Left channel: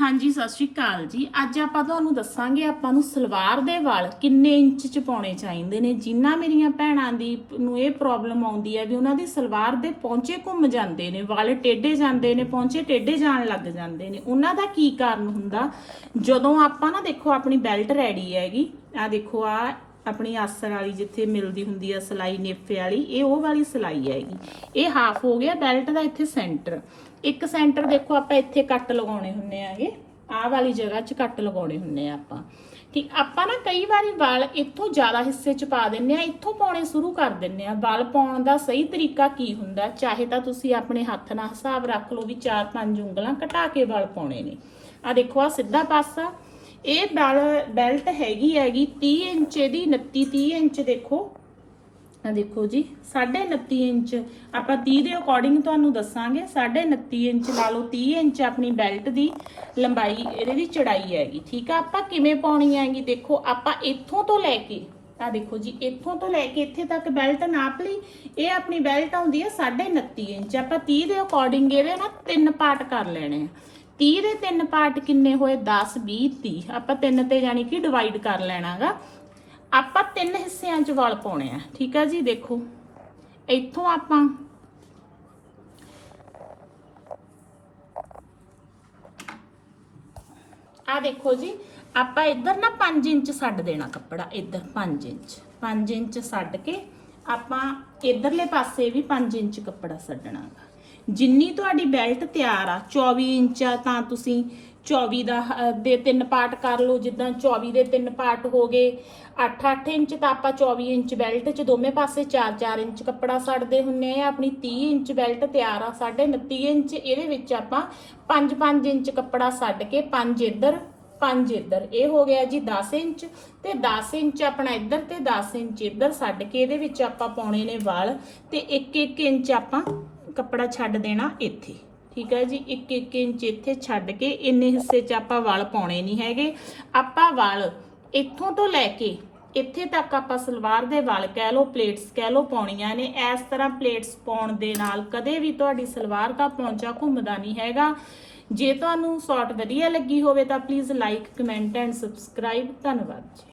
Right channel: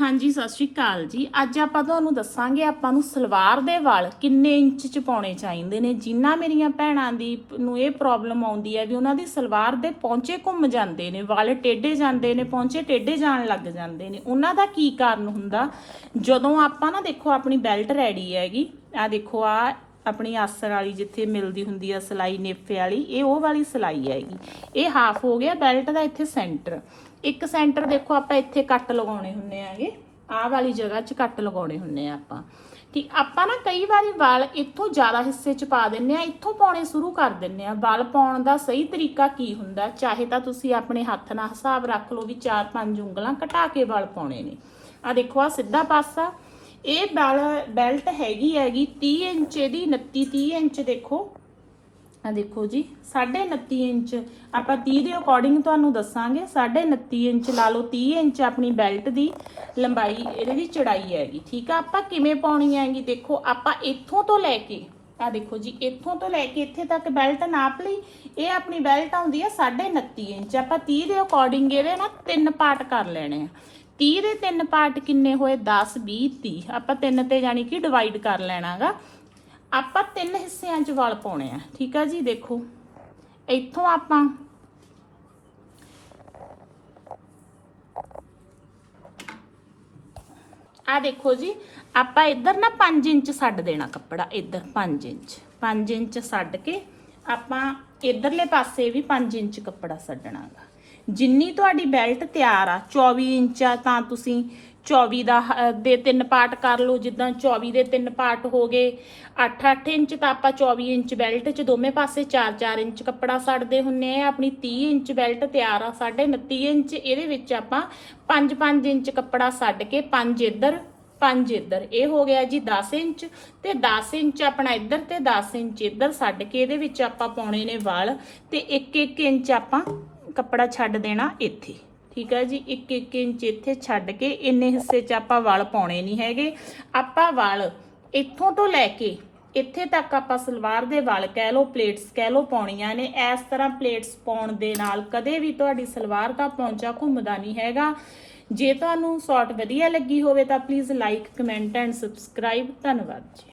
ਹਾਂਜੀ, ਸਤਿ ਸ਼੍ਰੀ ਅਕਾਲ ਜੀ। ਅੱਜ ਆਪਾਂ ਤੁਹਾਨੂੰ ਦੱਸਾਂਗੇ ਆਪਾਂ ਨੂੰ ਸਲਵਾਰ ਦੇ ਵਾਲ ਕਿੰਨੇ ਇੰਚ ਚ ਪਾਉਣੇ ਚਾਹੀਦੇ ਨੇ। ਜਿਨ੍ਹਾਂ ਮੇਰੀਆਂ ਭੈਣਾਂ ਦੀ ਨੂੰ ਇਹ ਪ੍ਰੋਬਲਮ ਆਉਂਦੀ ਹੈ ਵੀ ਉਹਨਾਂ ਦੀ ਸਲਵਾਰ ਦੇ ਪੌਂਚੇ ਘੁੰਮ ਜਾਂਦੇ ਨੇ, ਵਾਲ ਟੇਢੇ ਜਾਂਦੇ ਨੇ, ਪੌਂਚੇ ਟੇਢੇ ਜਾਣ ਲੱਗ ਜਾਂਦੇ ਨੇ। ਉਹਨਾਂ ਦਾ ਕੀ ਕਾਰਨ ਹੁੰਦਾ? ਜਦੋਂ ਆਪਾਂ ਨਾ ਦੇਖੋ, ਆਪਣੀ ਬੈਲਟ ਰੈਡੀ ਹੈਗੀ ਆ ਦੇਖੋ ਆ ਆਪਣੀ ਆਸਰ ਵਾਲੀ ਜਿੱਥੇ ਮਿਲਦੀ ਹੁੰਦੀ ਆ ਸਲਾਈ ਨੇਫੇ ਵਾਲੀ, ਇਹ ਉਹ ਵਾਲੀ ਸਲਾਈ ਹੈਗੀ। ਇਹ ਹਾਫ ਹੋ ਗਿਆ ਬੈਲਟ ਦਾ ਇੱਥੇ ਸੈਂਟਰ ਇੱਕ ਸੈਂਟਰ ਦੇਖੋ ਆਪਾਂ ਇੱਥੇ ਕੱਟ ਲਗਾਉਣੇ ਹੁੰਦੇ ਆਗੇ ਆਹ ਵਾਲੀ ਜਗ੍ਹਾ 'ਚ ਕੱਟ ਲਗਾਉਣੇ ਹੁੰਦੇ ਆ ਆਪਾਂ। ਠੀਕ ਆਪਾਂ ਨਾ ਕਈ ਵਾਰੀ ਵਾਲ ਇੱਥੋਂ ਜ਼ਿਆਦਾ ਹਿੱਸੇ 'ਚ ਪਾ ਦਿੰਨੇ ਆ, ਇੱਥੋਂ ਪਾਉਣੇ ਸ਼ੁਰੂ ਕਰ ਦਿੰਨੇ ਆ। ਵਾਲ ਪਾਉਣ ਦਾ ਸਹੀ ਤਰੀਕਾ ਕੀ ਹੁੰਦਾ? ਚਾਹੇ ਤਾਂ ਤੁਸੀਂ ਆਪਣੇ ਹੱਥ ਨਾਲ ਹਿਸਾਬ ਰੱਖ ਲਓ ਵੀ 4-5 ਉਂਗਲਾਂ ਘਟਾ ਕੇ ਵਾਲ ਪਾਉਣੇ ਨੇ। ਆ ਦੇਖੋ ਆ ਸਿੱਧਾ ਪਾਸਾ ਇਹ ਬੈਲਟ ਹੈਗੀ ਹੈਗੀ 30 ਇੰਚ ਦੀ 29 30 ਇੰਚ ਦੇਖੋ। ਆ ਦੇਖੋ ਜੀ 29.5 ਇੰਚ। ਆਪਾਂ 30 ਦੇ ਅਕੋਰਡਿੰਗ ਤੁਹਾਨੂੰ ਦੱਸਾਂਗੇ 29.5 ਇੰਚ ਲਾ ਲਓ 30 ਇੰਚ ਆਪਣੀ ਬੈਲਟ ਦੀ ਲੰਬਾਈ, ਇਹਦੇ ਦੀ ਚੜਾਈ ਹੈਗੀ, ਠੀਕ ਆ? ਆਪਾਂ ਕਿਵੇਂ ਪਾਉਣੀ ਹੈਗੀ ਦੇਖੋ, ਆਪਾਂ ਇੱਥੋਂ ਤੋਂ ਲੈ ਕੇ ਆ ਦੇਖੋ ਜੀ, ਇੱਥੋਂ ਤੋਂ ਲੈ ਕੇ ਇੱਥੇ ਤੱਕ ਬੈਲਟ ਨਾਪ ਲਈ, ਇਹ ਆਪਣੀ ਬੈਲਟ ਆਉਂਦੀ ਹੈ 29.5 ਇੰਚ। ਆਪਾਂ 30 ਦੇ ਅਕੋਰਡਿੰਗ ਇਹਦੇ ਨਾ ਤਿੰਨ ਪਾਰਟ ਕਰ ਲੈਣੇ ਆ। 30 ਦੇ ਤਿੰਨ ਪਾਰਟ ਕਿੰਨੇ ਹੋਏ? 10 20 30 ਆਪਾਂ ਤਿੰਨ ਤੇ ਜਾਨੀ ਕਿ ਡਿਵਾਈਡ ਕਰ ਲੈਣਾਗਾ। ਆਪਾਂ ਤਿੰਨ ਹਿੱਸਿਆਂ 'ਚ ਵਾਲ ਪਾਉਣੇ ਆ। ਠੀਕ ਆ ਜੀ? ਦੇਖੋ। ਇੱਥੋਂ ਆਪਾਂ ਆ ਦੇਖੋ ਜੀ। ਆਪਾਂ ਇੱਧਰ ਨਾ 5 ਇੰਚ ਛੱਡ ਦੇਣਾ ਕੱਪੜਾ। ਇੱਧਰ 5 ਇੰਚ। 5 ਇੰਚ ਛੱਡ ਕੇ ਆਪਾਂ ਇੱਧਰਲੇ ਪਾਸੇ ਵੀ 5 ਇੰਚ ਕੱਪੜਾ ਛੱਡਣਾਗਾ ਜਿੰਨੀ ਤੁਹਾਡੀ ਬੈਲਟ ਤਿਆਰ ਆ 24 ਇੰਚ ਆ, ਤਾਂ ਤੁਸੀਂ 24 ਦਾ ਦੇ ਤਿੰਨ ਪਾਰਟ ਕਰ ਲਓ। ਜਿੱਦਾਂ 24 ਦੇ ਤਿੰਨ ਪਾਰਟ ਹੋ ਗਏ 8-8 ਇੰਚ, ਤਾਂ ਆਪਾਂ 24 ਇੰਚ ਬੈਲਟ 'ਚ ਦੋਵੇਂ ਪਾਸੇ 4-4 ਇੰਚ ਕੱਪੜਾ ਛੱਡਦੇ ਹੁੰਨੇ ਆ। ਆਪਣੀ 30 ਇੰਚ ਬੈਲਟ ਤਿਆਰ ਆ 29.5 ਇੰਚ। ਇਹਦੇ ਵਿੱਚ ਆਪਾਂ 5-5 ਇੰਚ ਕੱਪੜਾ ਛੱਡ ਕੇ 5 ਇੱਧਰ 5 ਇੱਧਰ। ਇਹ ਹੋ ਗਿਆ ਜੀ 10 ਇੰਚ ਤੇ 10 ਇੰਚ ਆਪਣਾ ਇੱਧਰ ਤੇ 10 ਇੰਚ ਇੱਧਰ ਛੱਡ ਕੇ ਇਹਦੇ ਵਿੱਚ ਆਪਾਂ ਪਾਉਣੇ ਨੇ ਵਾਲ ਤੇ 1-1 ਇੰਚ ਆਪਾਂ ਕੱਪੜਾ ਛੱਡ ਦੇਣਾ ਇੱਥੇ। ਠੀਕ ਹੈ ਜੀ? 1-1 ਇੰਚ ਇੱਥੇ ਛੱਡ ਕੇ ਇੰਨੇ ਹਿੱਸੇ 'ਚ ਆਪਾਂ ਵਾਲ ਪਾਉਣੇ ਨਹੀਂ ਹੈਗੇ। ਆਪਾਂ ਵਾਲ ਇੱਥੋਂ ਤੋਂ ਲੈ ਕੇ ਇੱਥੇ ਤੱਕ ਆਪਾਂ ਸਲਵਾਰ ਦੇ ਵਾਲ ਕਹਿ ਲਓ ਪਲੇਟਸ ਕਹਿ ਲਓ ਪਾਉਣੀਆਂ ਨੇ। ਇਸ ਤਰ੍ਹਾਂ ਪਲੇਟਸ ਪਾਉਣ ਦੇ ਨਾਲ ਕਦੇ ਵੀ ਤੁਹਾਡੀ ਸਲਵਾਰ ਦਾ ਪੌਂਚਾ ਘੁੰਮਦਾ ਨਹੀਂ ਹੈਗਾ। ਜੇ ਤੁਹਾਨੂੰ ਸ਼ਾਰਟ ਵਧੀਆ ਲੱਗੀ ਹੋਵੇ ਤਾਂ please like comment and subscribe ਧੰਨਵਾਦ ਜੀ।